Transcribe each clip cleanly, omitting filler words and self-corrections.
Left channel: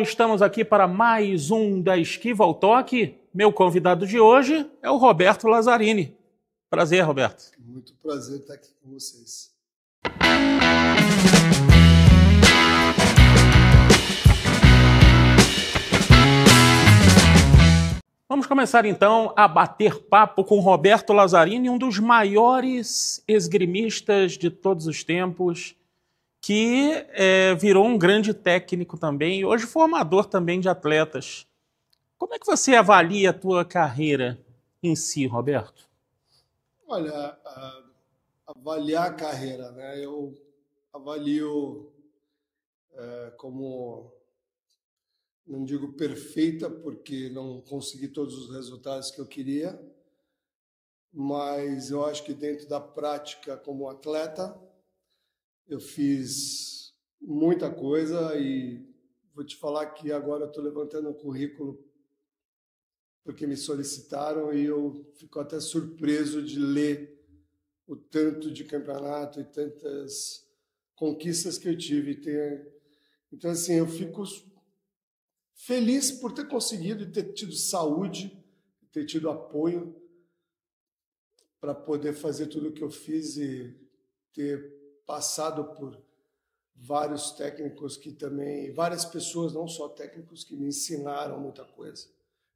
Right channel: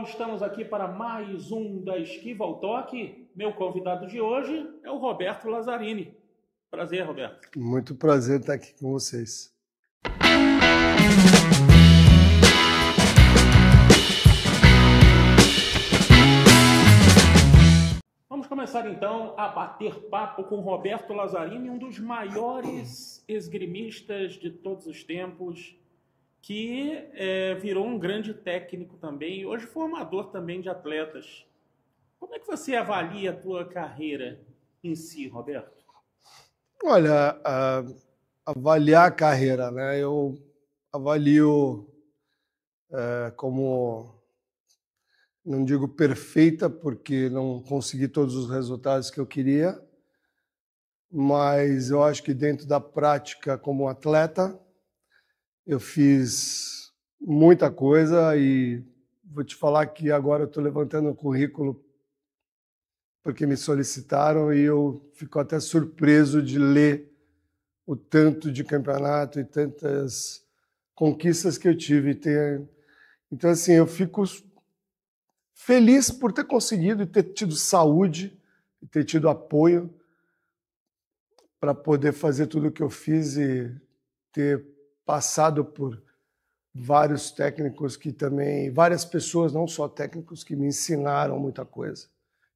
Estamos aqui para mais um da Esquiva ao Toque. Meu convidado de hoje é o Roberto Lazzarini. Prazer, Roberto. Muito prazer estar aqui com vocês. Vamos começar então a bater papo com Roberto Lazzarini, um dos maiores esgrimistas de todos os tempos, que virou um grande técnico também e hoje formador também de atletas. Como é que você avalia a tua carreira em si, Roberto? Olha, avaliar a carreira, né? Eu avalio como, não digo perfeita, porque não consegui todos os resultados que eu queria, mas eu acho que dentro da prática como atleta, eu fiz muita coisa e vou te falar que agora eu estou levantando o currículo porque me solicitaram e eu fico até surpreso de ler o tanto de campeonato e tantas conquistas que eu tive. Então, assim, eu fico feliz por ter conseguido e ter tido saúde, e ter tido apoio para poder fazer tudo o que eu fiz e ter passado por vários técnicos que também, várias pessoas, não só técnicos, que me ensinaram muita coisa.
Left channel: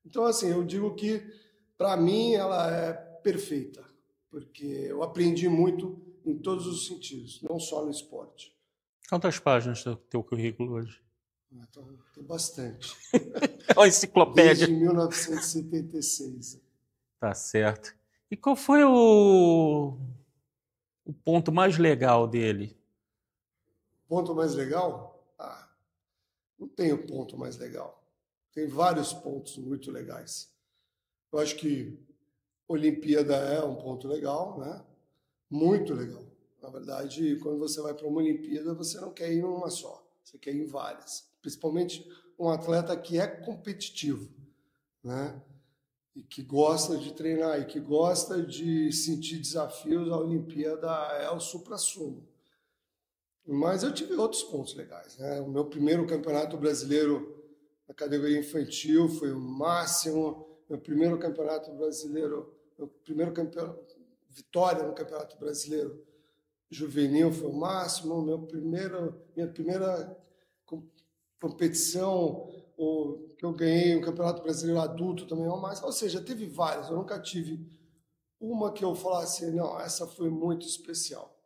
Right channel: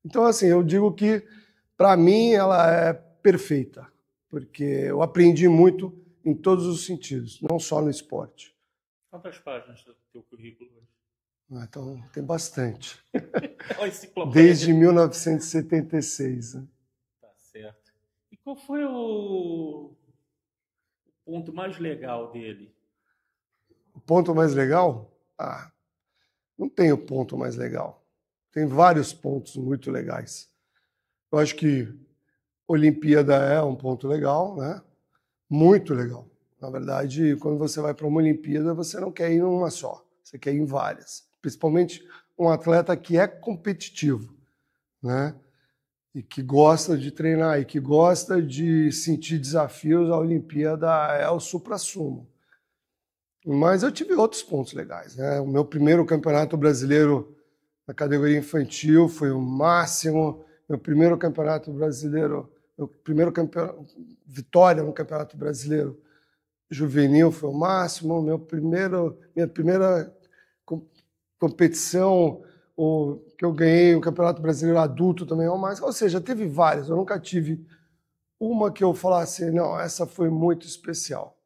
Então, assim, eu digo que, para mim, ela é perfeita, porque eu aprendi muito em todos os sentidos, não só no esporte. Quantas páginas do teu currículo hoje? Então, tem bastante. Uma enciclopédia. Desde 1976. Né? Tá certo. E qual foi o ponto mais legal dele? O ponto mais legal? Não tem o ponto mais legal. Tem vários pontos muito legais. Eu acho que Olimpíada é um ponto legal, né? Muito legal. Na verdade, quando você vai para uma Olimpíada, você não quer ir em uma só, você quer ir em várias. Principalmente um atleta que é competitivo, né? E que gosta de treinar, e que gosta de sentir desafios. A Olimpíada é o suprassumo. Mas eu tive outros pontos legais, né? O meu primeiro campeonato brasileiro na categoria infantil foi o máximo. Meu primeiro campeonato brasileiro, vitória no campeonato brasileiro juvenil foi o máximo. Minha primeira competição que eu ganhei, o campeonato brasileiro adulto também é o máximo. Ou seja, teve várias. Eu nunca tive uma que eu falasse, não, essa foi muito especial.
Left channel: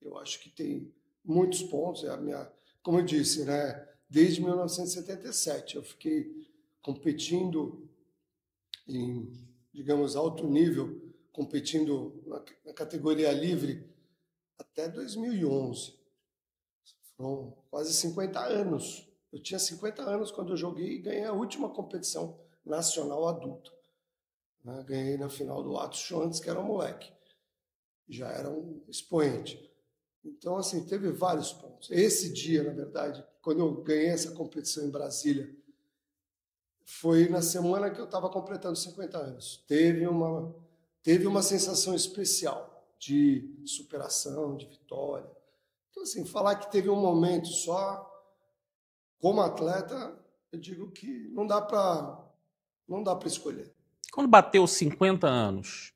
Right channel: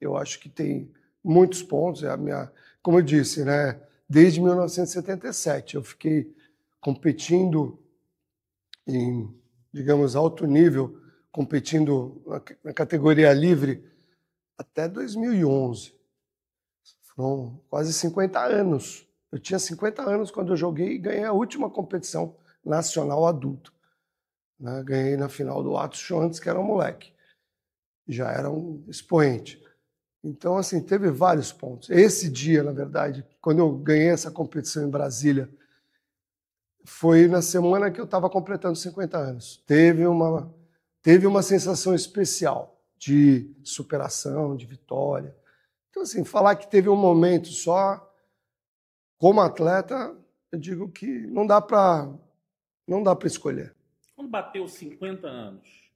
Eu acho que tem muitos pontos. Como eu disse, né? Desde 1977 eu fiquei competindo em, digamos, alto nível, competindo na categoria livre até 2011. Foram quase 50 anos. Eu tinha 50 anos quando eu joguei e ganhei a última competição nacional adulto. Né? Ganhei na final do Atos Schwantes, que era um moleque. Já era um expoente. Então, assim, teve vários pontos. Esse dia, na verdade, quando eu ganhei essa competição em Brasília, foi na semana que eu estava completando 50 anos. Teve uma sensação especial de superação, de vitória. Então, assim, falar que teve um momento só, como atleta, eu digo que não dá para escolher. Quando bateu 50 anos,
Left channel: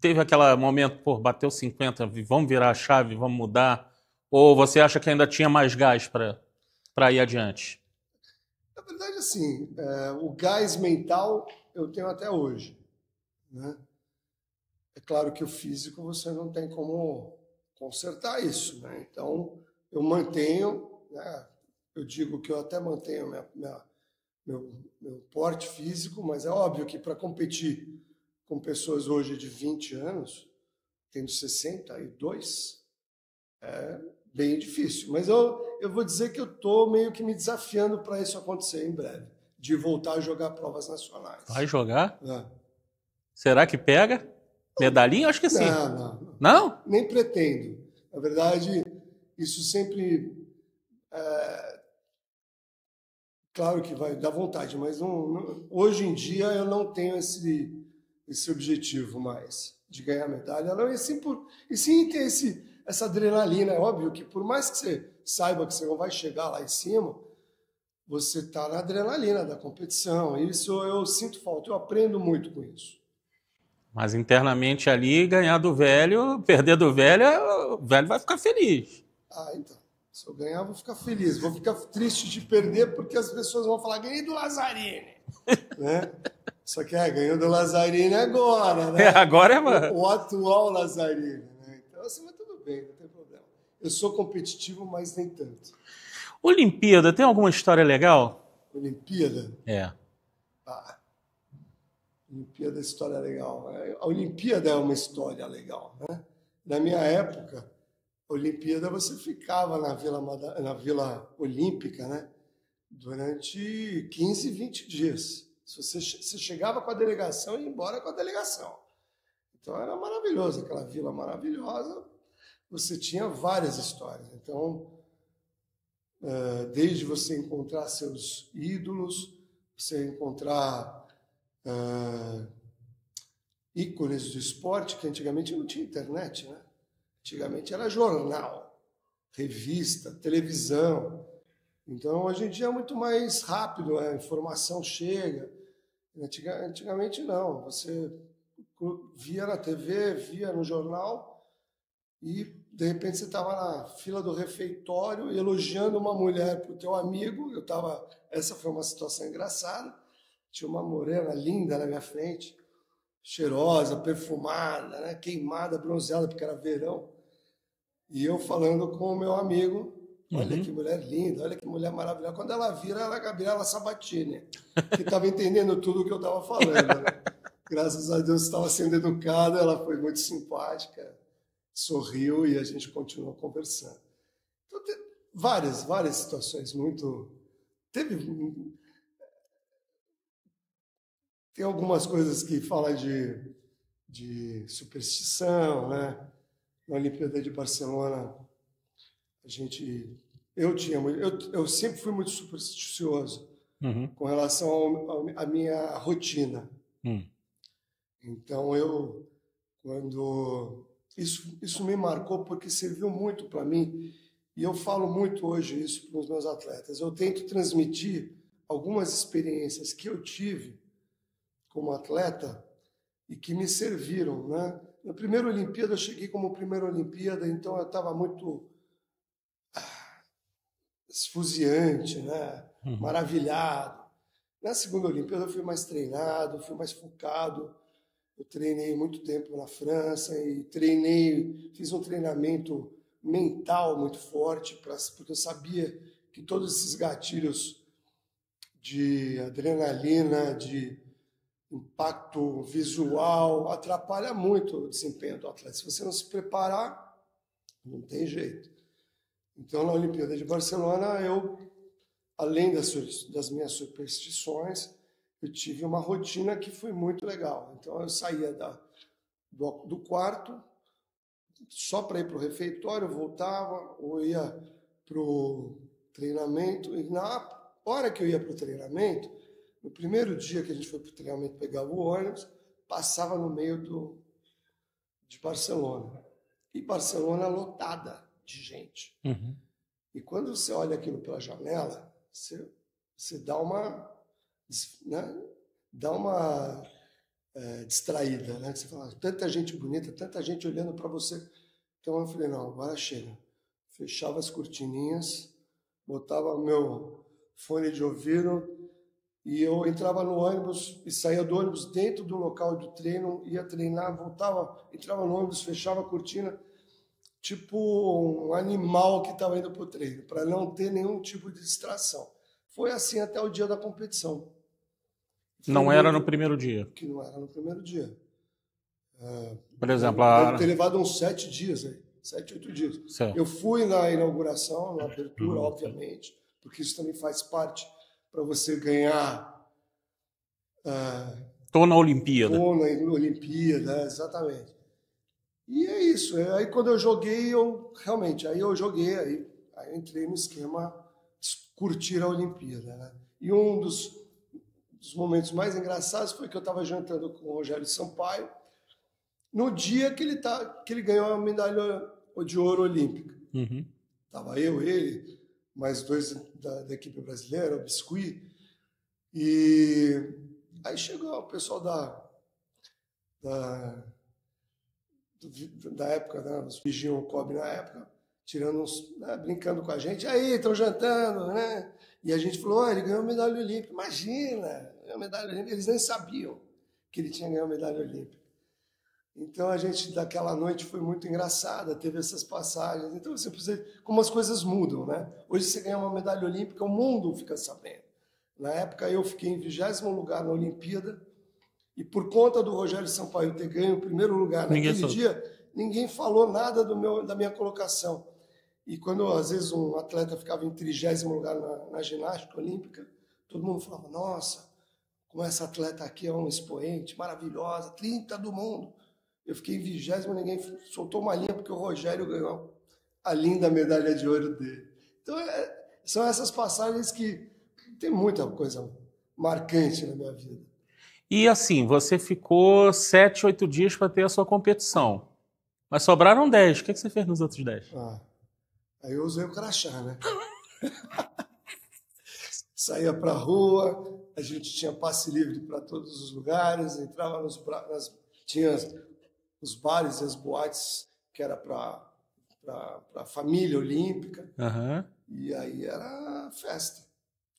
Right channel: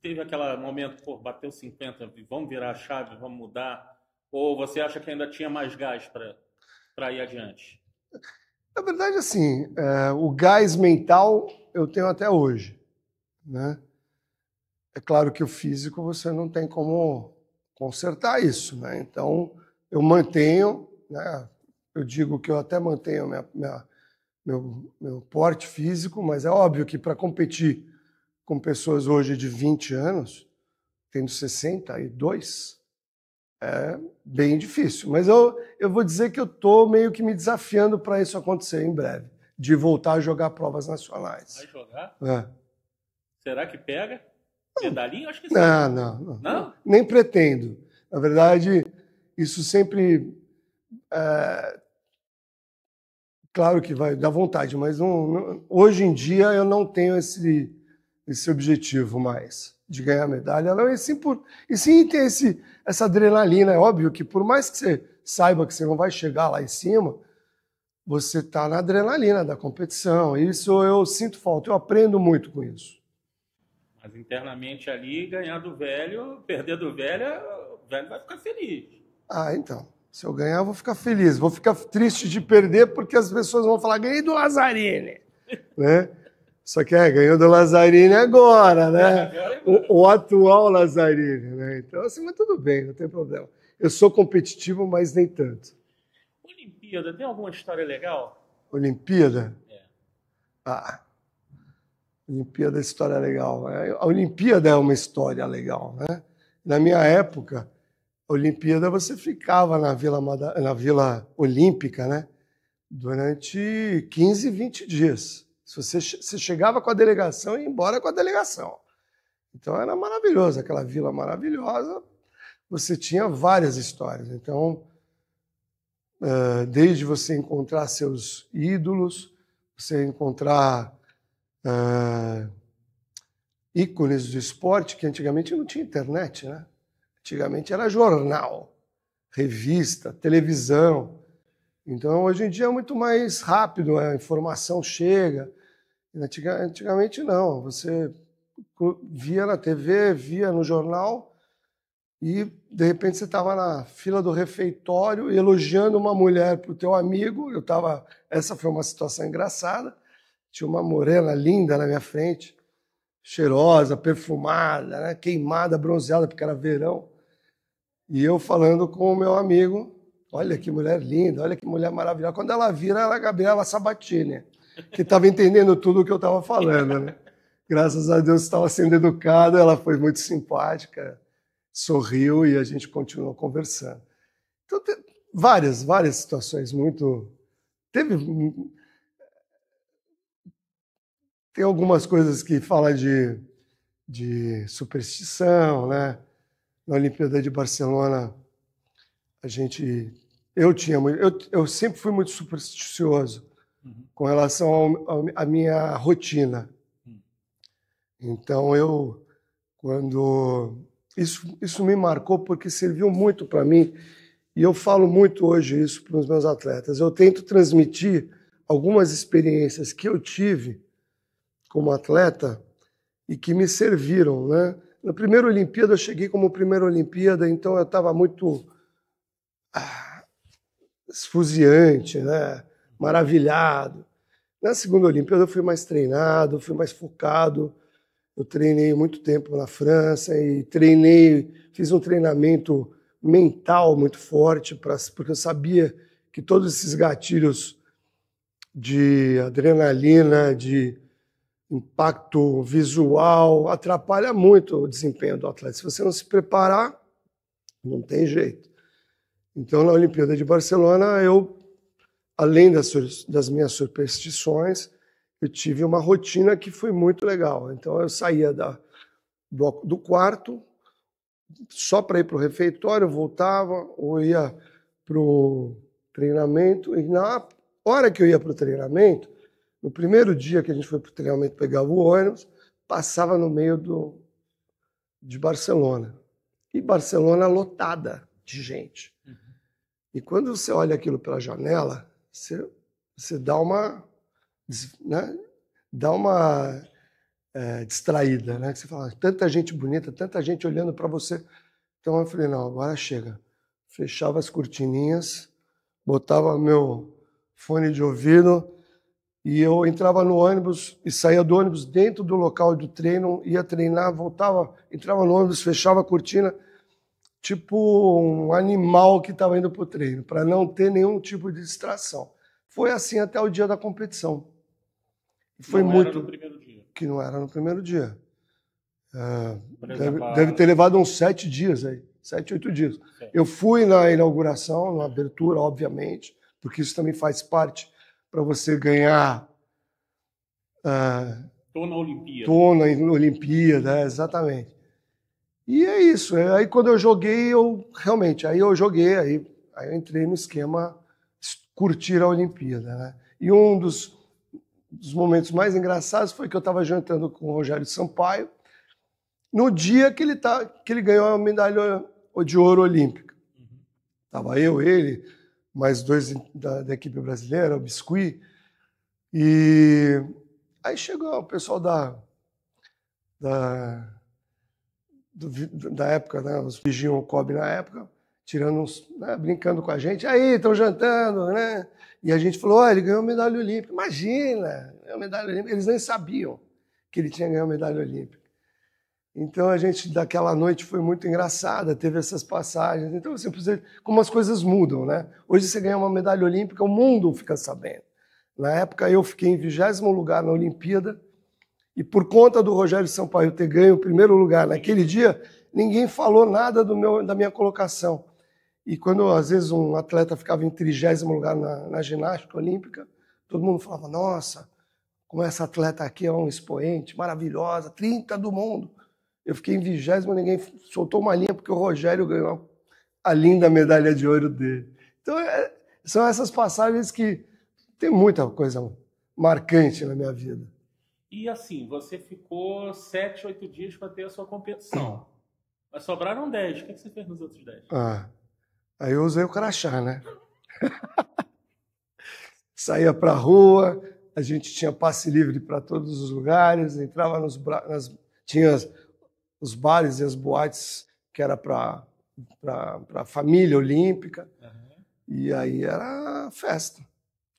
teve aquele momento, bateu 50, vamos virar a chave, vamos mudar? Ou você acha que ainda tinha mais gás para ir adiante? Na verdade, assim, o gás mental eu tenho até hoje, né? É claro que o físico você não tem como consertar isso, né? Então, eu mantenho, né? Eu digo que eu até mantenho meu porte físico, mas é óbvio que para competir com pessoas hoje de 20 anos, tendo 62, é bem difícil. Mas eu vou dizer que eu estou meio que me desafiando para isso acontecer em breve, de voltar a jogar provas nacionais. Vai jogar? É. Será que pega? Medalhinha? Acho que sim. Não. Não? Nem pretendo. Na verdade, isso sempre... Claro que vai dar vontade, mas hoje em dia eu não tenho esse objetivo mais de ganhar medalha. Não, e sim ter essa adrenalina. É óbvio que por mais que você saiba que você não vai chegar lá em cima, você está na adrenalina da competição. Isso eu sinto falta, eu aprendo muito com isso. Mas internamente ali, ganhar do velho, perder do velho, o velho vai ficar feliz. Ah, então. Se eu ganhar, eu vou ficar feliz. Vou ficar triste de perder porque as pessoas vão falar, ganhei do Lazzarini. Né? Só que ganhou do Lazzarini agora, né? Agora é... O atual Lazzarini, né? Então, assim, mas tudo bem, não tem problema. Eu sou competitivo, mas nem tanto. Olimpíada, tem alguma história legal? Olimpíada? É. Olimpíada é história legal. A Olimpíada é uma história legal, né? Na minha época, a Olimpíada você ficava na Vila Olímpica, né? Durante 15, 20 dias. Você chegava com a delegação e ia embora com a delegação. Então era maravilhoso, aquela vila maravilhosa. Você tinha várias histórias. Então, desde você encontrar seus ídolos, você encontrar ícones do esporte, que antigamente não tinha internet, né? Antigamente era jornal, revista, televisão. Então, hoje em dia é muito mais rápido, a informação chega. Antigamente não, você via na TV, via no jornal e, de repente, você estava na fila do refeitório elogiando uma mulher para o teu amigo. Essa foi uma situação engraçada. Tinha uma morena linda na minha frente, cheirosa, perfumada, né? Queimada, bronzeada, porque era verão. E eu falando com o meu amigo, olha que mulher linda, olha que mulher maravilhosa. Quando ela vira, era a Gabriela Sabatini, que estava entendendo tudo o que eu estava falando. Né? Graças a Deus estava sendo educada, ela foi muito simpática, sorriu e a gente continuou conversando. Então, tem várias situações muito... Tem algumas coisas que falam de superstição, né? Na Olimpíada de Barcelona, eu sempre fui muito supersticioso com relação à minha rotina. Então, isso me marcou porque serviu muito para mim e eu falo muito hoje isso para os meus atletas. Eu tento transmitir algumas experiências que eu tive como atleta e que me serviram, né? Na primeira Olimpíada, eu cheguei como primeira Olimpíada, então eu estava muito esfuziante, né? Maravilhado. Na segunda Olimpíada, eu fui mais treinado, fui mais focado. Eu treinei muito tempo na França e fiz um treinamento mental muito forte, porque eu sabia que todos esses gatilhos de adrenalina, de impacto visual, atrapalha muito o desempenho do atleta. Se você não se preparar, não tem jeito. Então, na Olimpíada de Barcelona, além das minhas superstições, eu tive uma rotina que foi muito legal. Então, eu saía do quarto só para ir para o refeitório, voltava, ou ia para o treinamento. E na hora que eu ia para o treinamento, no primeiro dia que a gente foi para o treinamento, pegava o ônibus, passava no meio de Barcelona. E Barcelona lotada de gente. E quando você olha aquilo pela janela, você dá uma, né? Distraída, né? Você fala, tanta gente bonita, tanta gente olhando para você. Então eu falei, não, agora chega. Fechava as cortininhas, botava meu fone de ouvido e eu entrava no ônibus e saía do ônibus dentro do local do treino, ia treinar, voltava, entrava no ônibus, fechava a cortina, tipo um animal que estava indo para o treino, para não ter nenhum tipo de distração. Foi assim até o dia da competição. Não era no primeiro dia? Que não era no primeiro dia. Por exemplo, deve ter levado uns 7 dias aí, 7, 8 dias. Certo. Eu fui na inauguração, na abertura, obviamente, porque isso também faz parte para você ganhar... Tô na Olimpíada. Tô na Olimpíada, exatamente. E é isso. Aí quando eu joguei, aí eu entrei no esquema curtir a Olimpíada, né? E um dos momentos mais engraçados foi que eu estava jantando com o Rogério Sampaio no dia que ele ganhou a medalha de ouro olímpica. Tava eu, ele, mais 2 da equipe brasileira, o Biscuit. E aí chegou o pessoal da época, né? Os vigiam o Kobe na época, tirando uns, né? Brincando com a gente. Aí, estão jantando, né? E a gente falou, ele ganhou medalha olímpica. Imagina, ganhou medalha olímpica. Eles nem sabiam que ele tinha ganhado medalha olímpica. Então, a gente, daquela noite, foi muito engraçada, teve essas passagens. Então, assim, como as coisas mudam, né? Hoje você ganha uma medalha olímpica, o mundo fica sabendo. Na época, eu fiquei em 20º lugar na Olimpíada, e por conta do Rogério Sampaio ter ganho o 1º lugar naquele dia, ninguém falou nada da minha colocação. E quando, às vezes, um atleta ficava em 30º lugar na ginástica olímpica, todo mundo falava, nossa, como essa atleta aqui é um expoente, maravilhosa, 30 do mundo. Eu fiquei em 20º, ninguém soltou uma linha, porque o Rogério ganhou a linda medalha de ouro dele. Então, são essas passagens que tem muita coisa marcante na minha vida. E assim, você ficou 7, 8 dias para ter a sua competição. Mas sobraram 10. O que você fez nos outros 10? Aí eu usei o crachá, né? Saía para a rua, a gente tinha passe livre para todos os lugares, entrava tinha os bares e as boates que era para a família olímpica. Uhum. E aí era festa.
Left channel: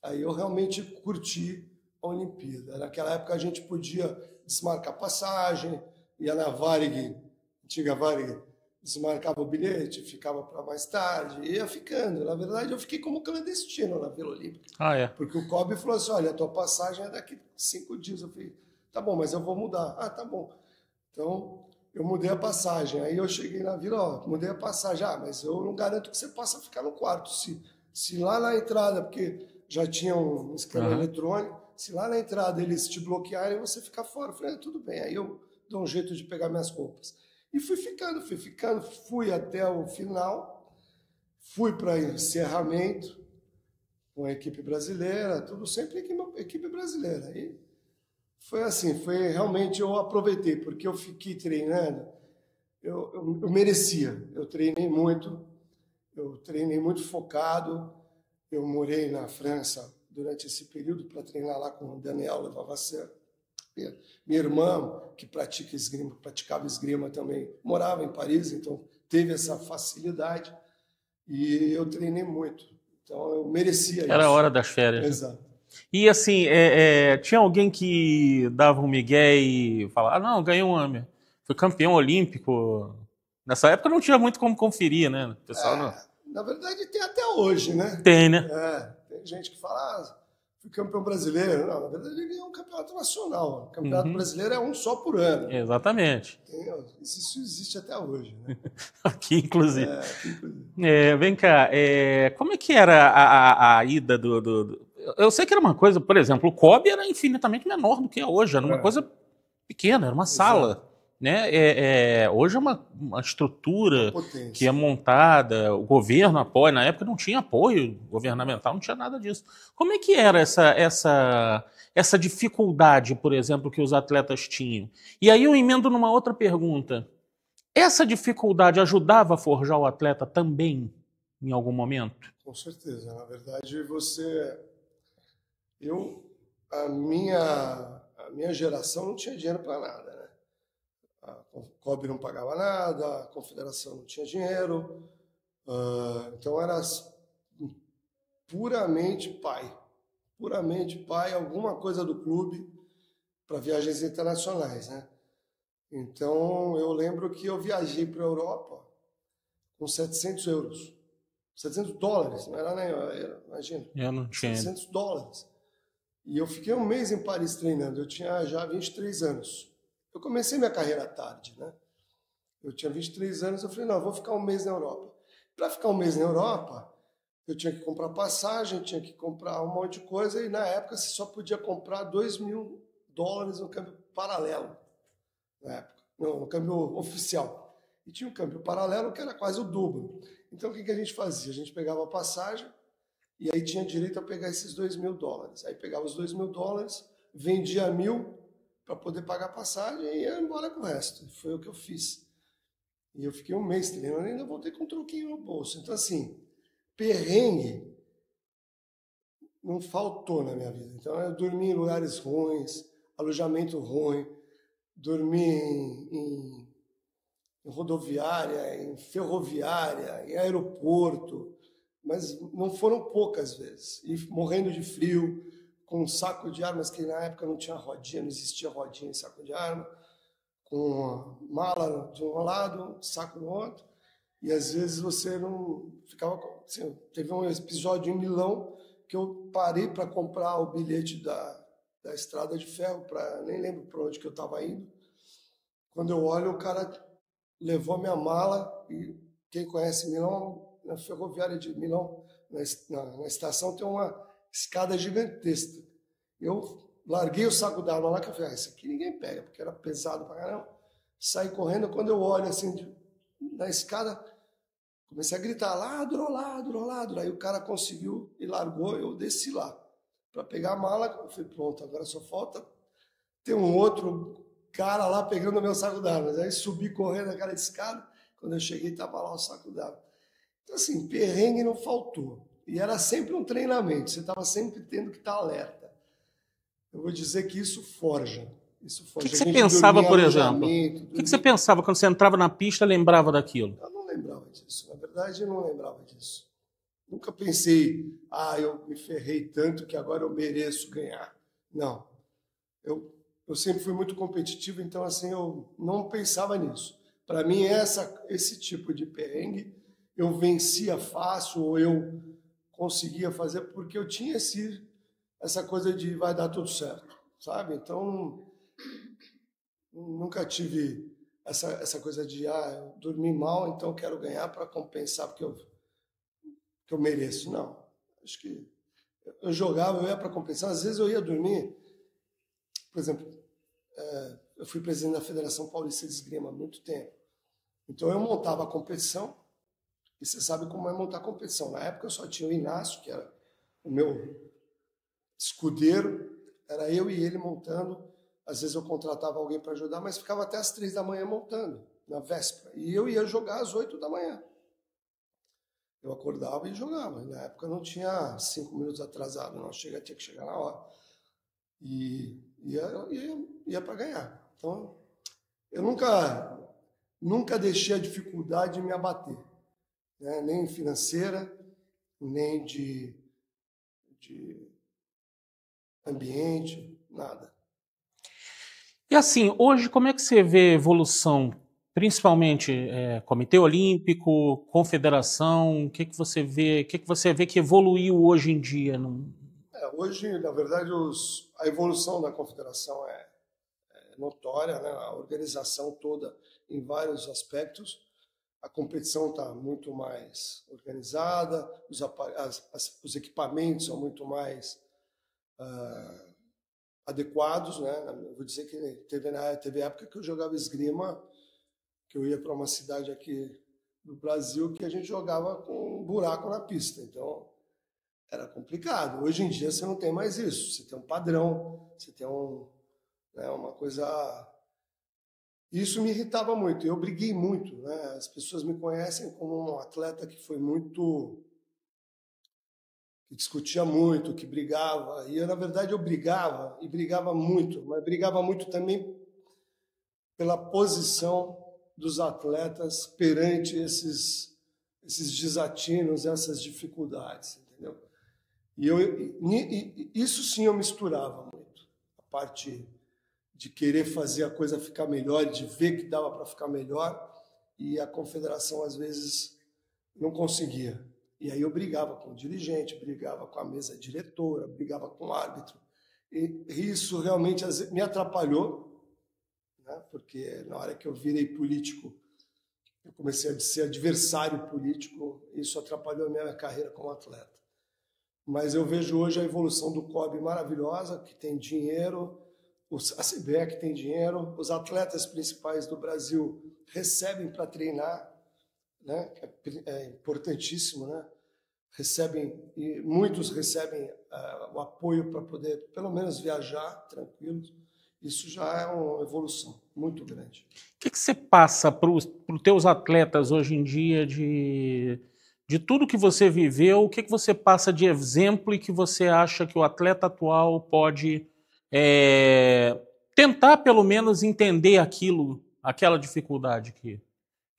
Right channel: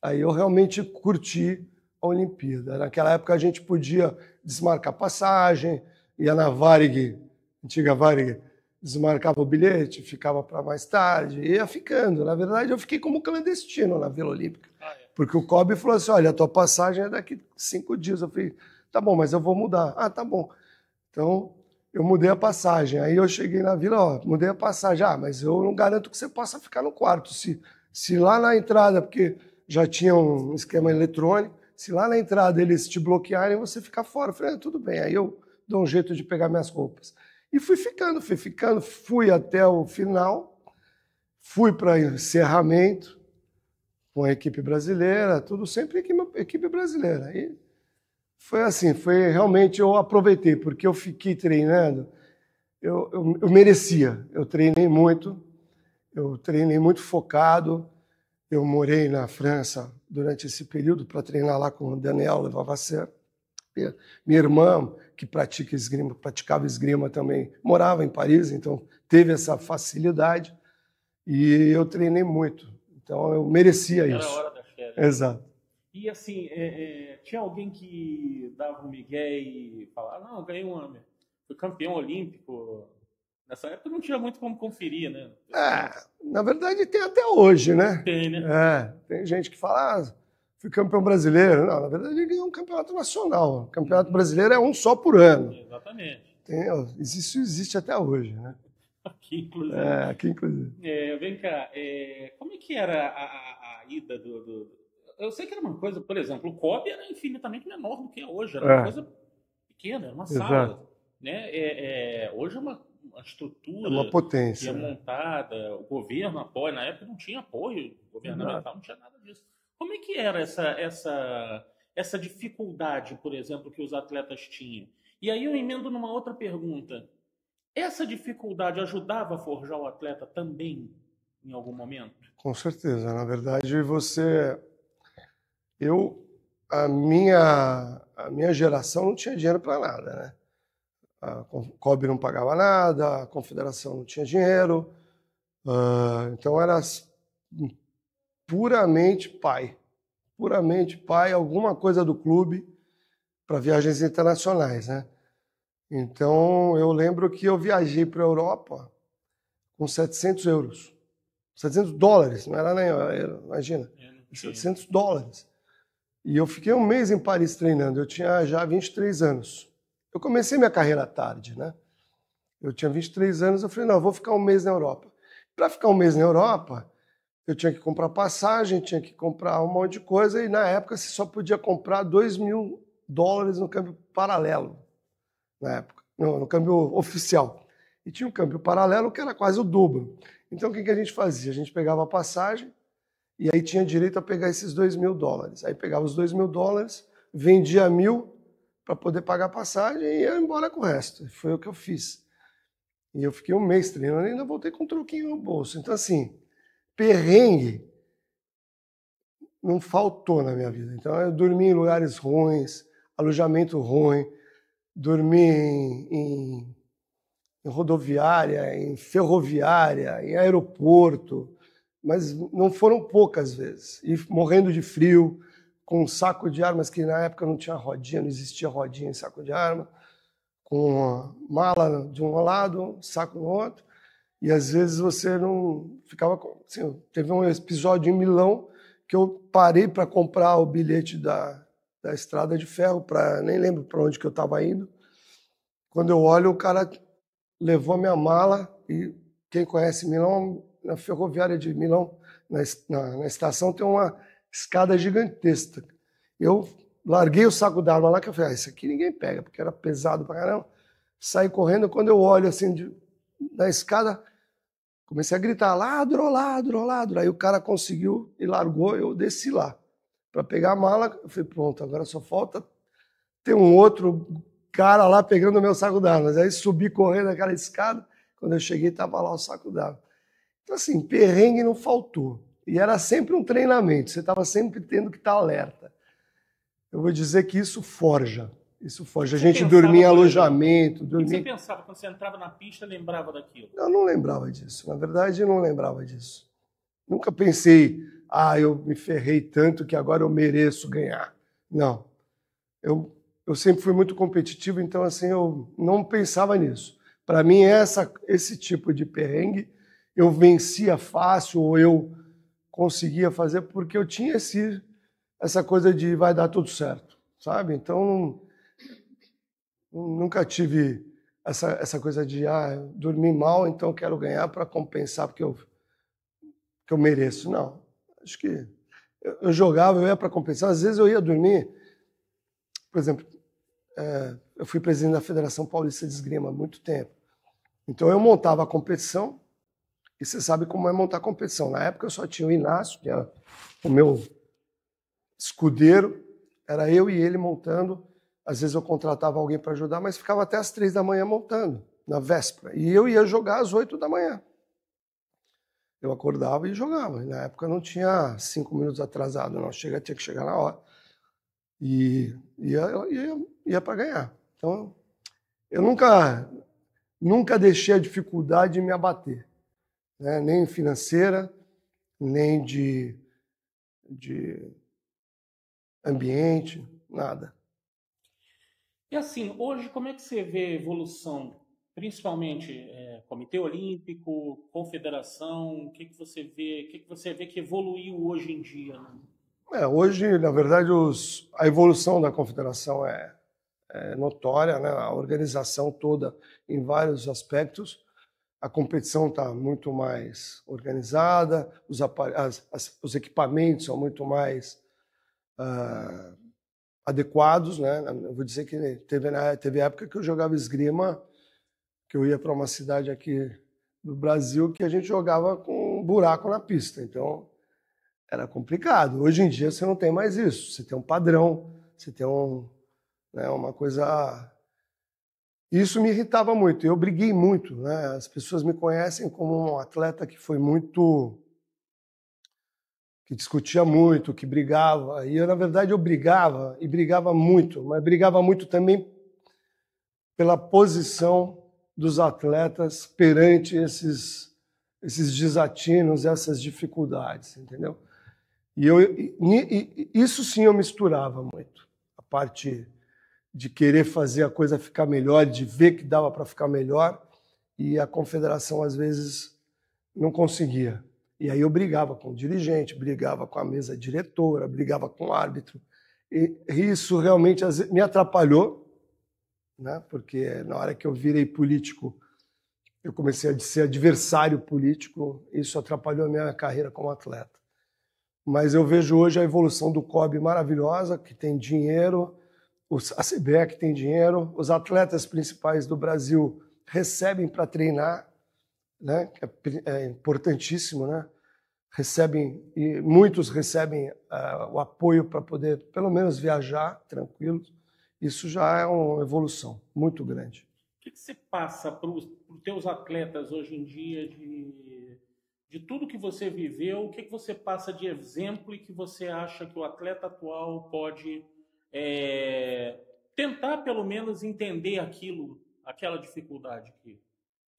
Aí eu realmente curti a Olimpíada. Naquela época a gente podia desmarcar passagem, ia na Varig, antiga Varig, desmarcava o bilhete, ficava para mais tarde, ia ficando. Na verdade, eu fiquei como clandestino na Vila Olímpica. É. Porque o Kobe falou assim, olha, a tua passagem é daqui 5 dias. Eu falei, tá bom, mas eu vou mudar. Tá bom. Então, eu mudei a passagem. Aí eu cheguei na Vila, mudei a passagem. Mas eu não garanto que você possa ficar no quarto. Se lá na entrada, porque já tinha um esquema eletrônico, se lá na entrada eles te bloquearem, você fica fora. Eu falei, tudo bem. Aí eu dou um jeito de pegar minhas roupas. E fui ficando, fui até o final, fui para encerramento com a equipe brasileira, tudo sempre equipe brasileira. E foi assim, realmente eu aproveitei, porque eu fiquei treinando, eu merecia, eu treinei muito focado, eu morei na França durante esse período para treinar lá com o Daniel Levavasseur. Minha irmã, que praticava esgrima também, morava em Paris, então teve essa facilidade e eu treinei muito. Então eu merecia isso. Era a hora das férias. Exato. E assim, tinha alguém que dava um migué e falava, não, ganhei um AME, foi campeão olímpico. Nessa época não tinha muito como conferir, né? Pessoal... Na verdade tem até hoje, né? Tem, né? Tem gente que fala, fui campeão brasileiro. Não, na verdade ele ganhou um campeonato nacional. O campeonato brasileiro é um só por ano. Exatamente. Isso existe até hoje, né? Aqui, inclusive. Aqui, inclusive. Vem cá, como é que era a ida do... Eu sei que era uma coisa, por exemplo, o Kobe era infinitamente menor do que é hoje. Era uma coisa pequena, era uma sala. Né? Hoje é uma estrutura que é montada, o governo apoia. Na época não tinha apoio governamental, não tinha nada disso. Como é que era essa dificuldade, por exemplo, que os atletas tinham? E aí eu emendo numa outra pergunta. Essa dificuldade ajudava a forjar o atleta também, em algum momento? Com certeza. Na verdade, a minha geração não tinha dinheiro para nada, né? A Kobe não pagava nada, a confederação não tinha dinheiro, então era puramente pai, alguma coisa do clube para viagens internacionais, né? Então eu lembro que eu viajei para a Europa com 700 euros, 700 dólares, não era nem euro, imagina, eu não tinha. 700 dólares. E eu fiquei um mês em Paris treinando, eu tinha já 23 anos. Eu comecei minha carreira tarde, né? Eu tinha 23 anos, eu falei, não, eu vou ficar um mês na Europa. Para ficar um mês na Europa, eu tinha que comprar passagem, tinha que comprar um monte de coisa, e na época você só podia comprar $2.000 no câmbio paralelo, na época, no câmbio oficial. E tinha um câmbio paralelo que era quase o dobro. Então o que a gente fazia? A gente pegava a passagem, e aí tinha direito a pegar esses $2.000. Aí pegava os $2.000, vendia 1.000, para poder pagar a passagem e ia embora com o resto. Foi o que eu fiz. E eu fiquei um mês treinando e ainda voltei com um troquinho no bolso. Então, assim, perrengue não faltou na minha vida. Então, eu dormi em lugares ruins, alojamento ruim, dormi em rodoviária, em ferroviária, em aeroporto, mas não foram poucas vezes. E morrendo de frio, com um saco de armas, que na época não tinha rodinha, não existia rodinha em saco de arma, com mala de um lado, saco no outro, e às vezes você não ficava... Assim, teve um episódio em Milão que eu parei para comprar o bilhete da estrada de ferro, nem lembro para onde que eu estava indo. Quando eu olho, o cara levou a minha mala, e quem conhece Milão, na ferroviária de Milão, na estação, tem uma escada gigantesca. Eu larguei o saco d'arma lá, que eu falei, isso aqui ninguém pega, porque era pesado pra caramba. Saí correndo, quando eu olho assim na escada, comecei a gritar, ladro, ladro, ladro. Aí o cara conseguiu e largou, eu desci lá para pegar a mala. Eu falei, pronto, agora só falta ter um outro cara lá pegando o meu saco d'armas. Aí subi correndo aquela escada, quando eu cheguei estava lá o saco d'armas. Então assim, perrengue não faltou. E era sempre um treinamento, você estava sempre tendo que estar alerta. Eu vou dizer que isso forja. Isso forja. A gente dormia em alojamento. O que você pensava quando você entrava na pista, lembrava daquilo? Eu não lembrava disso. Na verdade, eu não lembrava disso. Nunca pensei, eu me ferrei tanto que agora eu mereço ganhar. Não. Eu sempre fui muito competitivo, então assim, eu não pensava nisso. Para mim, esse tipo de perrengue, eu vencia fácil, ou eu conseguia fazer porque eu tinha essa coisa de vai dar tudo certo, sabe? Então, nunca tive essa coisa de dormir mal, então quero ganhar para compensar porque eu mereço. Não, acho que eu jogava, eu ia para compensar. Às vezes eu ia dormir, por exemplo, eu fui presidente da Federação Paulista de Esgrima há muito tempo. Então eu montava a competição, e você sabe como é montar competição. Na época eu só tinha o Inácio, que era o meu escudeiro, era eu e ele montando. Às vezes eu contratava alguém para ajudar, mas ficava até às 3 da manhã montando, na véspera. E eu ia jogar às 8 da manhã. Eu acordava e jogava. E na época não tinha 5 minutos atrasado, não. Tinha que chegar na hora. E ia para ganhar. Então, eu nunca deixei a dificuldade me abater, né? Nem financeira, nem de ambiente, nada. E assim, hoje como é que você vê a evolução, principalmente Comitê Olímpico, Confederação, o que você vê que evoluiu hoje em dia? Hoje, na verdade, a evolução da Confederação é notória, né? A organização toda em vários aspectos. A competição está muito mais organizada, os equipamentos são muito mais adequados, né? Eu vou dizer que teve época que eu jogava esgrima, que eu ia para uma cidade aqui no Brasil que a gente jogava com um buraco na pista, então era complicado. Hoje em dia você não tem mais isso, você tem um padrão, você tem uma coisa... Isso me irritava muito, eu briguei muito, né? As pessoas me conhecem como um atleta que discutia muito, que brigava. E eu, na verdade, eu brigava, e brigava muito, mas brigava muito também pela posição dos atletas perante esses desatinos, essas dificuldades, entendeu? E isso sim eu misturava muito. A parte de querer fazer a coisa ficar melhor, de ver que dava para ficar melhor, e a confederação, às vezes, não conseguia. E aí eu brigava com o dirigente, brigava com a mesa diretora, brigava com o árbitro. E isso realmente me atrapalhou, né? Porque na hora que eu virei político, eu comecei a ser adversário político, isso atrapalhou a minha carreira como atleta. Mas eu vejo hoje a evolução do COB maravilhosa, que tem dinheiro, a CBE que tem dinheiro, os atletas principais do Brasil recebem para treinar, né? Que é importantíssimo, né? E muitos recebem o apoio para poder, pelo menos, viajar tranquilos. Isso já é uma evolução muito grande. O que você passa para os teus atletas hoje em dia de De tudo que você viveu, o que você passa de exemplo e que você acha que o atleta atual pode é, tentar, pelo menos, entender aquela dificuldade que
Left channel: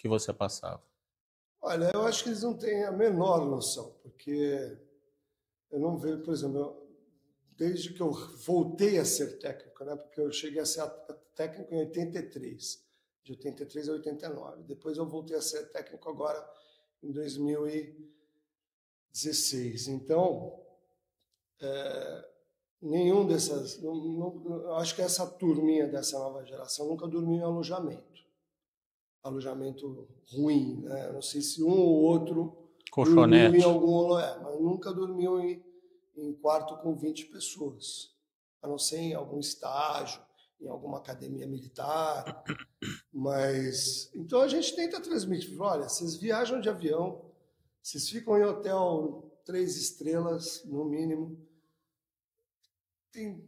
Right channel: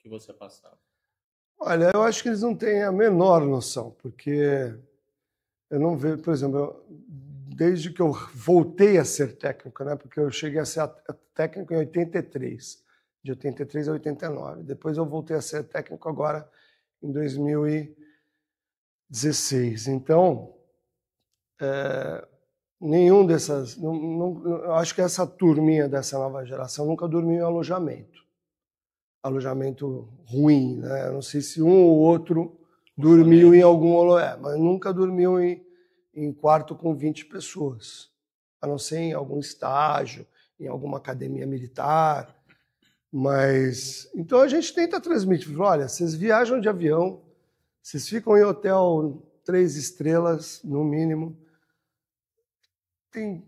você passava? Olha, eu acho que eles não têm a menor noção, porque eu não vejo, por exemplo, desde que eu voltei a ser técnico, né? Porque eu cheguei a ser técnico em 83, de 83 a 89. Depois eu voltei a ser técnico agora em 2016. Então, nenhum dessas, eu acho que essa turminha dessa nova geração nunca dormiu em alojamento ruim, né? Eu não sei se um ou outro dormiu em algum mas nunca dormiu em quarto com 20 pessoas, a não ser em algum estágio, em alguma academia militar. Mas então a gente tenta transmitir, olha, vocês viajam de avião, vocês ficam em hotel 3 estrelas no mínimo, tem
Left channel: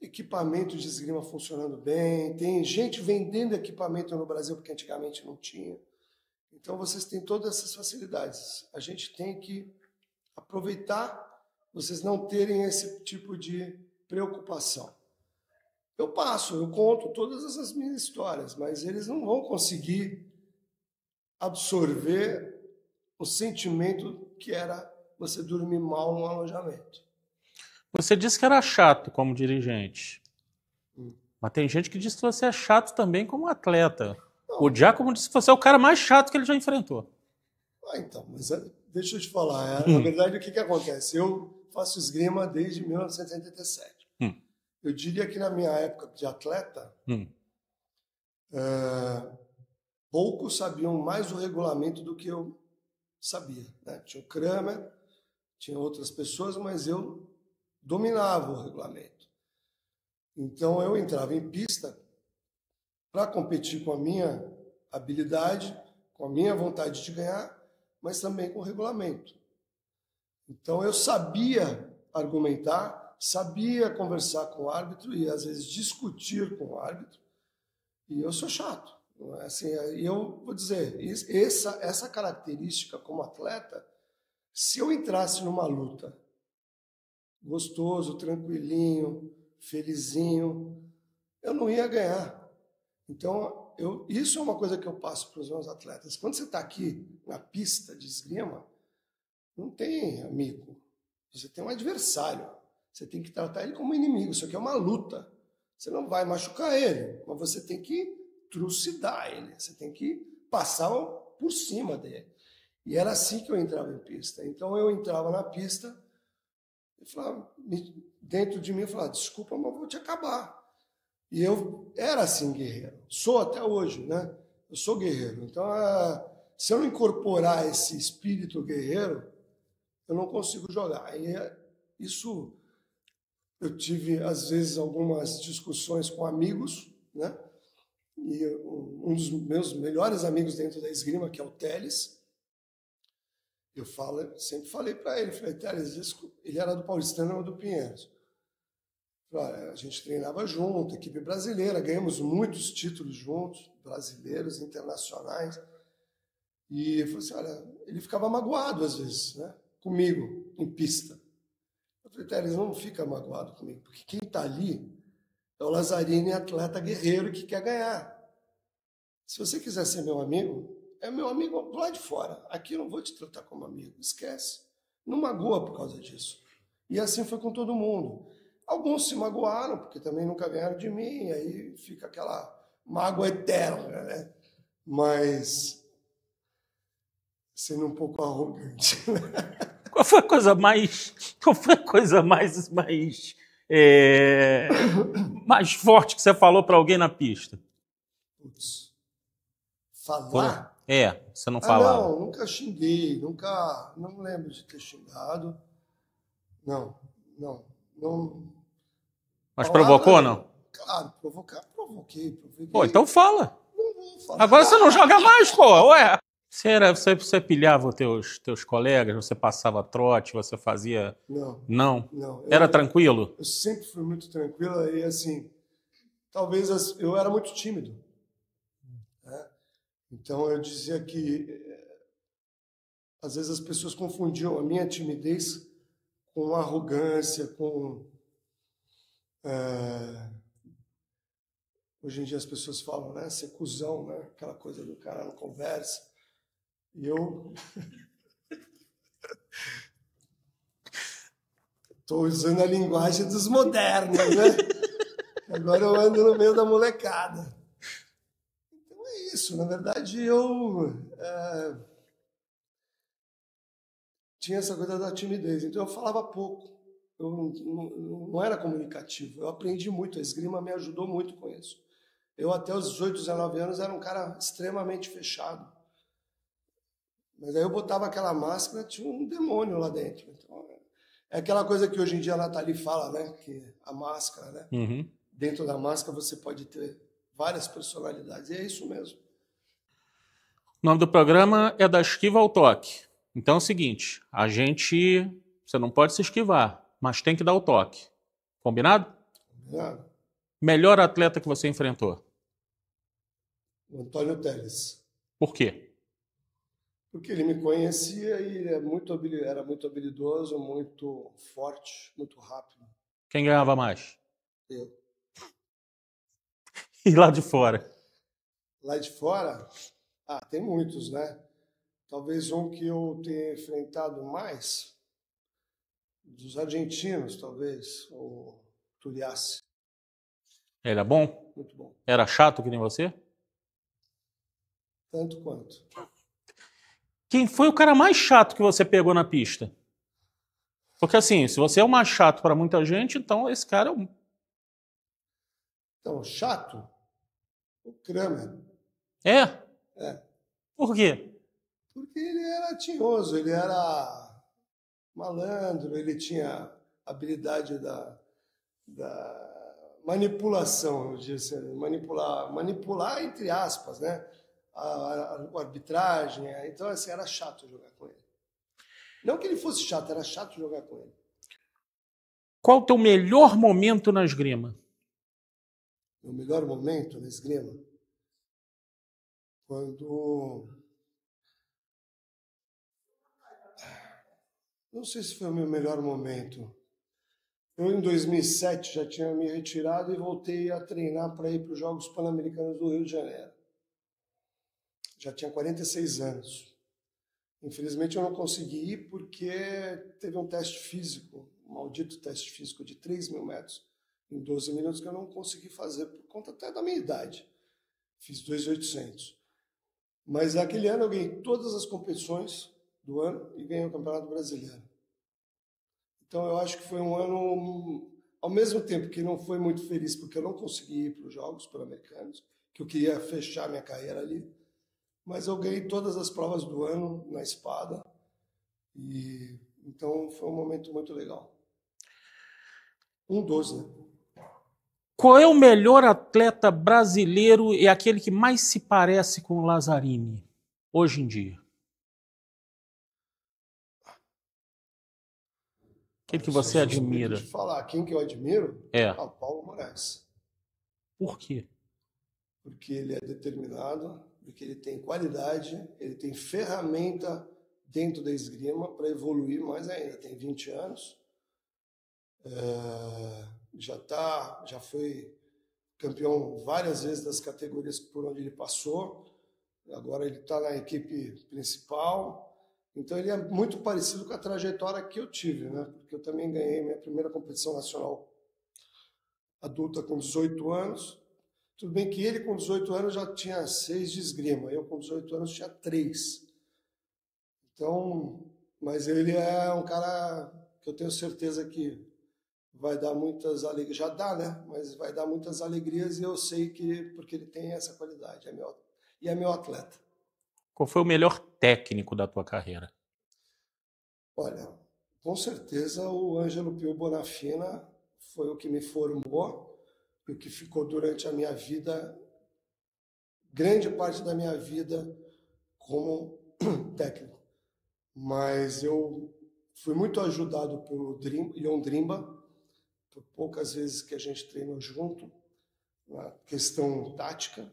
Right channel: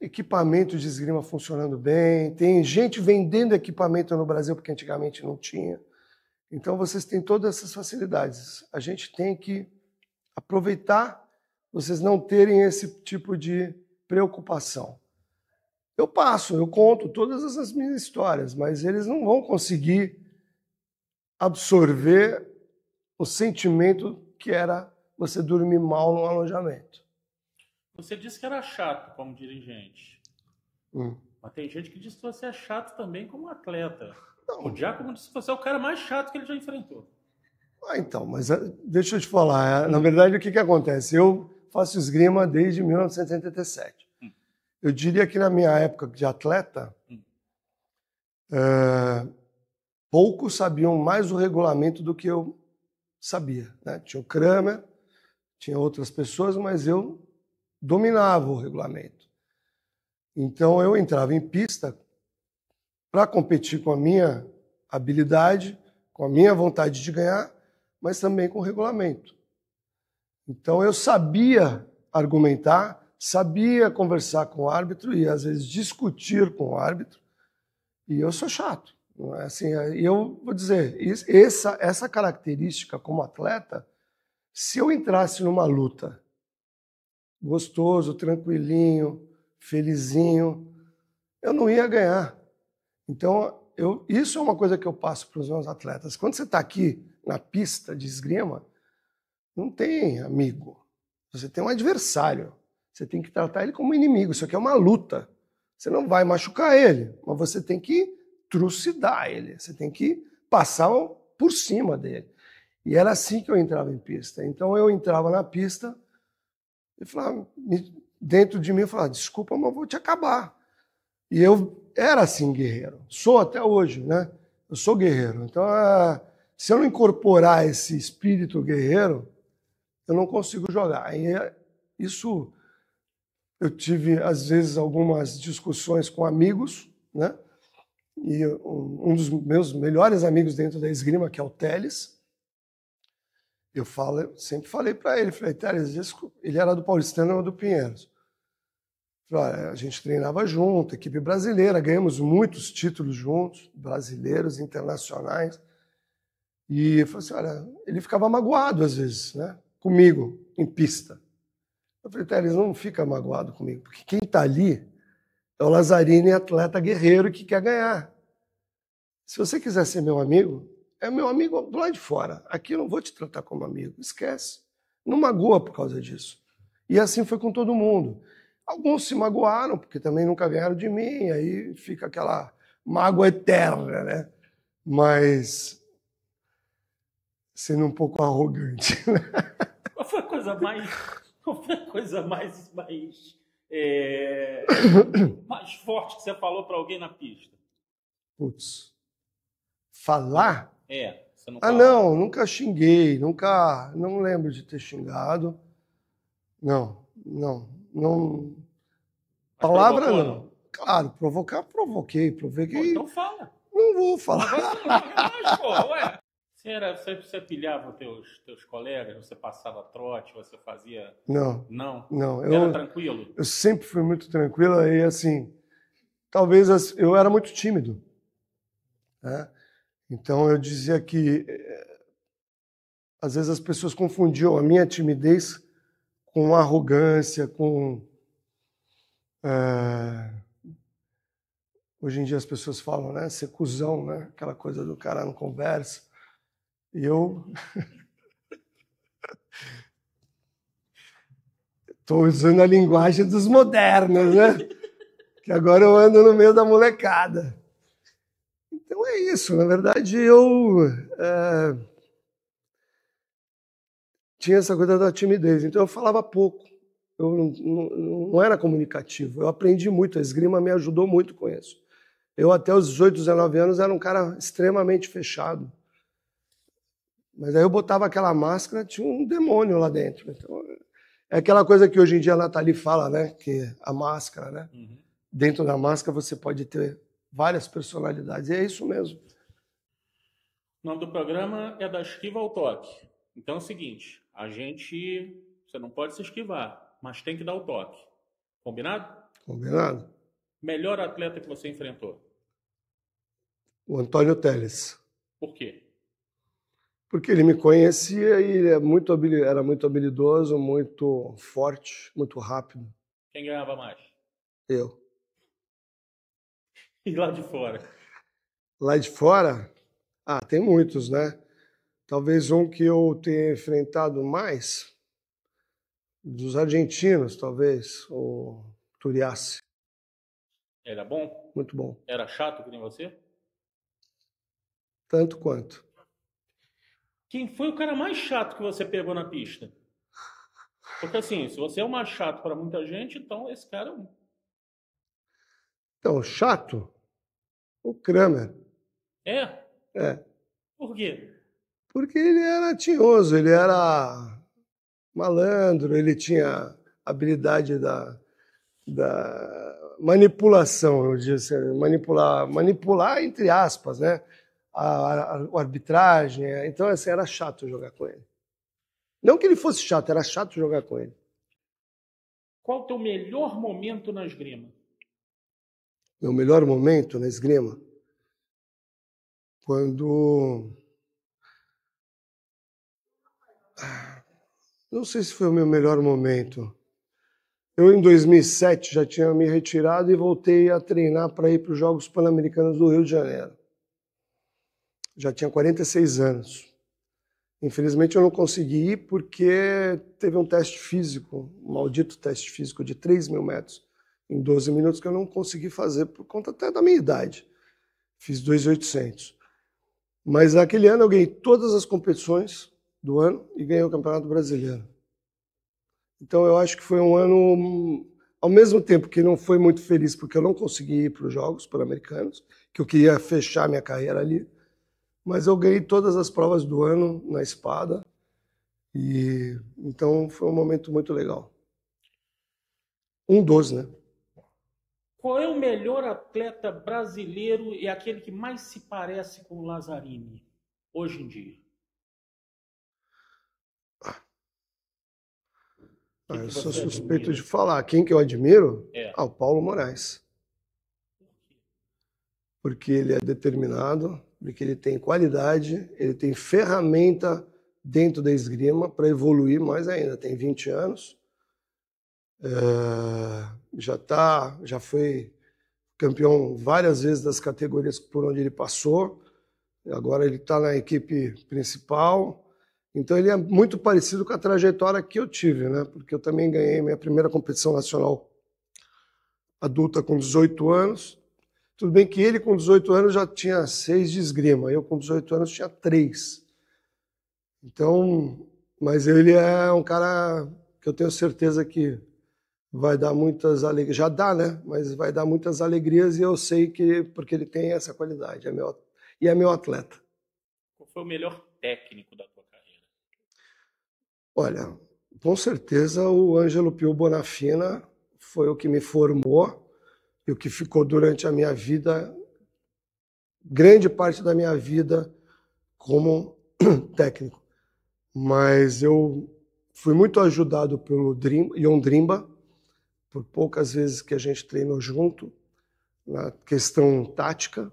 equipamento de esgrima funcionando bem, tem gente vendendo equipamento no Brasil porque antigamente não tinha. Então vocês têm todas essas facilidades. A gente tem que aproveitar vocês não terem esse tipo de preocupação. Eu conto todas essas minhas histórias, mas eles não vão conseguir absorver o sentimento que era você dormir mal no alojamento. Você disse que era chato como dirigente, mas tem gente que diz que você é chato também como atleta. Não. O Giacomo disse que você é o cara mais chato que ele já enfrentou. Então, mas deixa eu te falar. Na verdade, o que acontece? Eu faço esgrima desde 1987. Eu diria que na minha época de atleta, poucos sabiam mais o regulamento do que eu sabia, né? Tinha o Kramer, tinha outras pessoas, mas eu dominava o regulamento. Então eu entrava em pista para competir com a minha habilidade, com a minha vontade de ganhar, mas também com o regulamento. Então eu sabia argumentar, sabia conversar com o árbitro e às vezes discutir com o árbitro. E eu sou chato. Não é? Assim, eu vou dizer, essa característica como atleta, se eu entrasse numa luta gostoso, tranquilinho, felizinho, eu não ia ganhar. Então, isso é uma coisa que eu passo para os meus atletas. Quando você está aqui na pista de esgrima, não tem amigo. Você tem um adversário. Você tem que tratar ele como inimigo. Isso aqui é uma luta. Você não vai machucar ele, mas você tem que trucidar ele. Você tem que passar por cima dele. E era assim que eu entrava em pista. Então eu entrava na pista e falava, dentro de mim eu falava, desculpa, mas eu vou te acabar. E eu era assim guerreiro. Sou até hoje, né? Eu sou guerreiro. Então, se eu não incorporar esse espírito guerreiro, eu não consigo jogar. E isso, eu tive, às vezes, algumas discussões com amigos, né? E um dos meus melhores amigos dentro da esgrima, que é o Teles, eu sempre falei para ele, Teles, ele era do Paulistano ou do Pinheiros. A gente treinava junto, equipe brasileira, ganhamos muitos títulos juntos, brasileiros, internacionais. E eu falei assim, olha, ele ficava magoado às vezes, né, comigo, em pista. Eu falei, Teles, não fica magoado comigo, porque quem está ali é o Lazzarini, atleta guerreiro que quer ganhar. Se você quiser ser meu amigo, é meu amigo do lado de fora. Aqui eu não vou te tratar como amigo, esquece. Não magoa por causa disso. E assim foi com todo mundo. Alguns se magoaram, porque também nunca ganharam de mim, aí fica aquela mágoa eterna, né? Mas sendo um pouco arrogante. Né? Qual foi a coisa mais forte que você falou para alguém na pista? Putz. Falar? Você não falava. Não, nunca xinguei, não lembro de ter xingado. Não. Mas provocou, não? Claro, provoquei. Pô, então fala. Não vou falar. Agora você não joga mais, pô, ué. Você pilhava os teus colegas, você passava trote, você fazia... Não. Era tranquilo? Eu sempre fui muito tranquilo e, assim, talvez eu era muito tímido, né? Então eu dizia que às vezes as pessoas confundiam a minha timidez com arrogância, com... Hoje em dia as pessoas falam, né? Ser cuzão, né? Aquela coisa do cara não conversa. E eu... Estou usando a linguagem dos modernos, né? Que agora eu ando no meio da molecada. Então é isso. Na verdade, eu tinha essa coisa da timidez. Então eu falava pouco. Eu não era comunicativo. Eu aprendi muito. A esgrima me ajudou muito com isso. Eu, até os 18, 19 anos, era um cara extremamente fechado. Mas aí eu botava aquela máscara, tinha um demônio lá dentro. Então, é aquela coisa que hoje em dia a Nathalie fala, né? Que a máscara, né? Uhum. Dentro da máscara você pode ter várias personalidades. E é isso mesmo. O nome do programa é Da Esquiva ao Toque. Então é o seguinte, você não pode se esquivar, mas tem que dar o toque. Combinado? Combinado? Melhor atleta que você enfrentou? O Antônio Telles. Por quê? Porque ele me conhecia e ele era muito habilidoso, muito forte, muito rápido. Quem ganhava mais? Eu. E lá de fora? Lá de fora, tem muitos, né? Talvez um que eu tenha enfrentado mais, dos argentinos, talvez, o Turiassi. Ele é bom? Muito bom. Era chato que nem você? Tanto quanto. Quem foi o cara mais chato que você pegou na pista? Porque assim, se você é o mais chato para muita gente, então esse cara é um... Então, chato, o Kramer. É? É. Por quê? Porque ele era tinhoso, ele era malandro, ele tinha habilidade da manipulação, eu diria assim, manipular entre aspas, né? A arbitragem. Então, assim, era chato jogar com ele. Não que ele fosse chato, era chato jogar com ele. Qual o teu melhor momento na esgrima? Meu melhor momento na esgrima? Quando... Não sei se foi o meu melhor momento. Eu, em 2007, já tinha me retirado e voltei a treinar para ir para os Jogos Pan-Americanos do Rio de Janeiro. Já tinha 46 anos. Infelizmente, eu não consegui ir porque teve um teste físico, um maldito teste físico de 3.000 metros, em 12 minutos, que eu não consegui fazer por conta até da minha idade. Fiz 2.800. Mas naquele ano eu ganhei todas as competições do ano e ganhei o Campeonato Brasileiro. Então eu acho que foi um ano, ao mesmo tempo que não foi muito feliz porque eu não consegui ir para os Jogos Pan-Americanos, que eu queria fechar minha carreira ali, mas eu ganhei todas as provas do ano na espada e então foi um momento muito legal. Um dos, né? Qual é o melhor atleta brasileiro e aquele que mais se parece com o Lazzarini hoje em dia? Quem que você sou suspeito admira? de falar. Quem que eu admiro? É. O Paulo Moraes. Por quê? Porque ele é determinado, porque ele tem qualidade, ele tem ferramenta dentro da esgrima para evoluir mais ainda. Tem 20 anos, já foi campeão várias vezes das categorias por onde ele passou. Agora ele está na equipe principal. Então ele é muito parecido com a trajetória que eu tive, né? Porque eu também ganhei minha primeira competição nacional adulta com 18 anos. Tudo bem que ele com 18 anos já tinha 6 de esgrima, eu com 18 anos tinha 3. Então, mas ele é um cara que eu tenho certeza que vai dar muitas alegrias. Já dá, né? Mas vai dar muitas alegrias e eu sei que porque ele tem essa qualidade, é meu atleta. Qual foi o melhor técnico da tua carreira? Olha, com certeza o Ângelo Pio Bonafina foi o que me formou e o que ficou durante a minha vida, grande parte da minha vida como técnico. Mas eu fui muito ajudado pelo Ion Drimba, por poucas vezes que a gente treinou junto, na questão tática.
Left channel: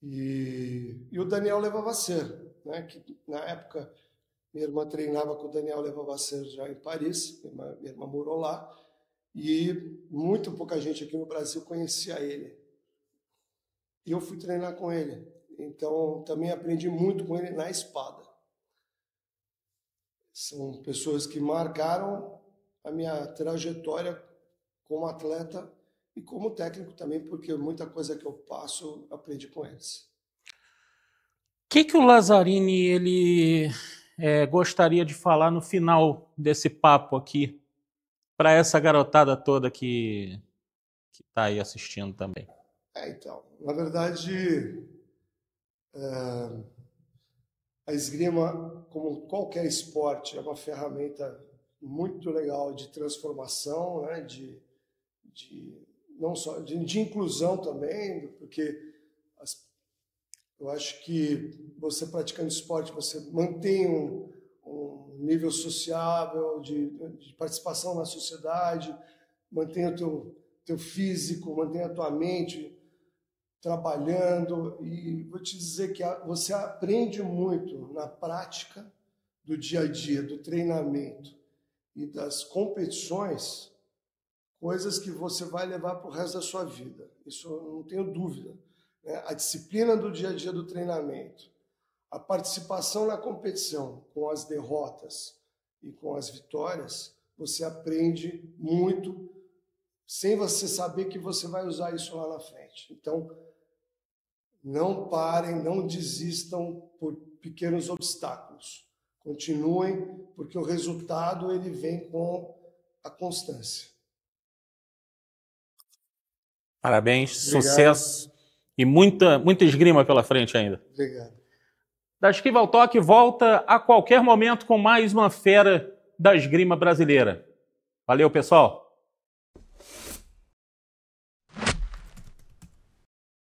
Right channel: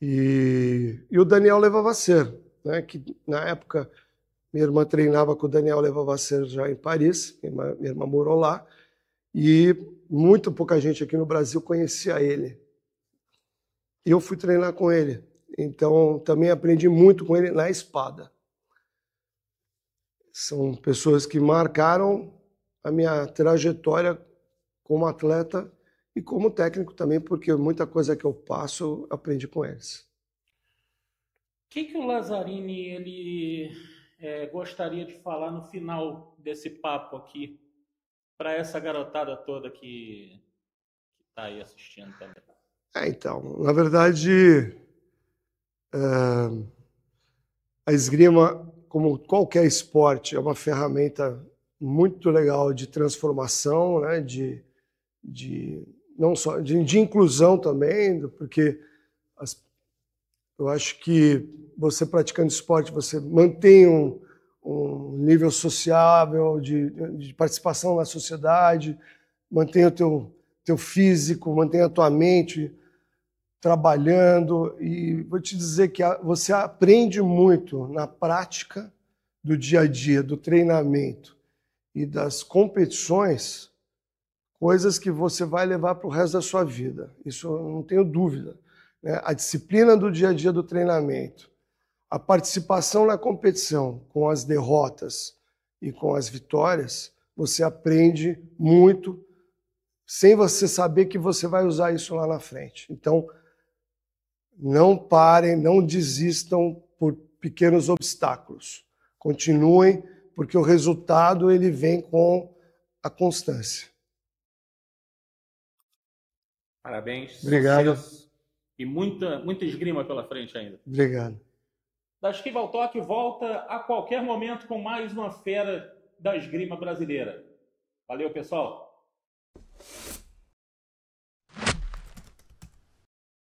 E o Daniel Levavasseur, né, que na época minha irmã treinava com o Daniel Levavasseur já em Paris, minha irmã morou lá, e muito pouca gente aqui no Brasil conhecia ele. E eu fui treinar com ele, então também aprendi muito com ele na espada. São pessoas que marcaram a minha trajetória como atleta e como técnico também, porque muita coisa que eu passo eu aprendi com eles. O que o Lazzarini ele gostaria de falar no final desse papo aqui para essa garotada toda que está aí assistindo também? Então, na verdade, a esgrima, como qualquer esporte, é uma ferramenta muito legal de transformação, né? Não só de inclusão também, porque eu acho que você praticando esporte, você mantém um nível sociável de participação na sociedade, mantém o teu físico, mantém a tua mente trabalhando, e vou te dizer que você aprende muito na prática do dia a dia, do treinamento e das competições, coisas que você vai levar para o resto da sua vida. Isso eu não tenho dúvida, né? A disciplina do dia a dia do treinamento, a participação na competição com as derrotas e com as vitórias, você aprende muito sem você saber que você vai usar isso lá na frente. Então, não parem, não desistam por pequenos obstáculos. Continuem, porque o resultado ele vem com a constância. Parabéns, Obrigado. Sucesso e muita esgrima pela frente ainda. Obrigado. Da Esquiva ao Toque volta a qualquer momento com mais uma fera da esgrima brasileira. Valeu, pessoal!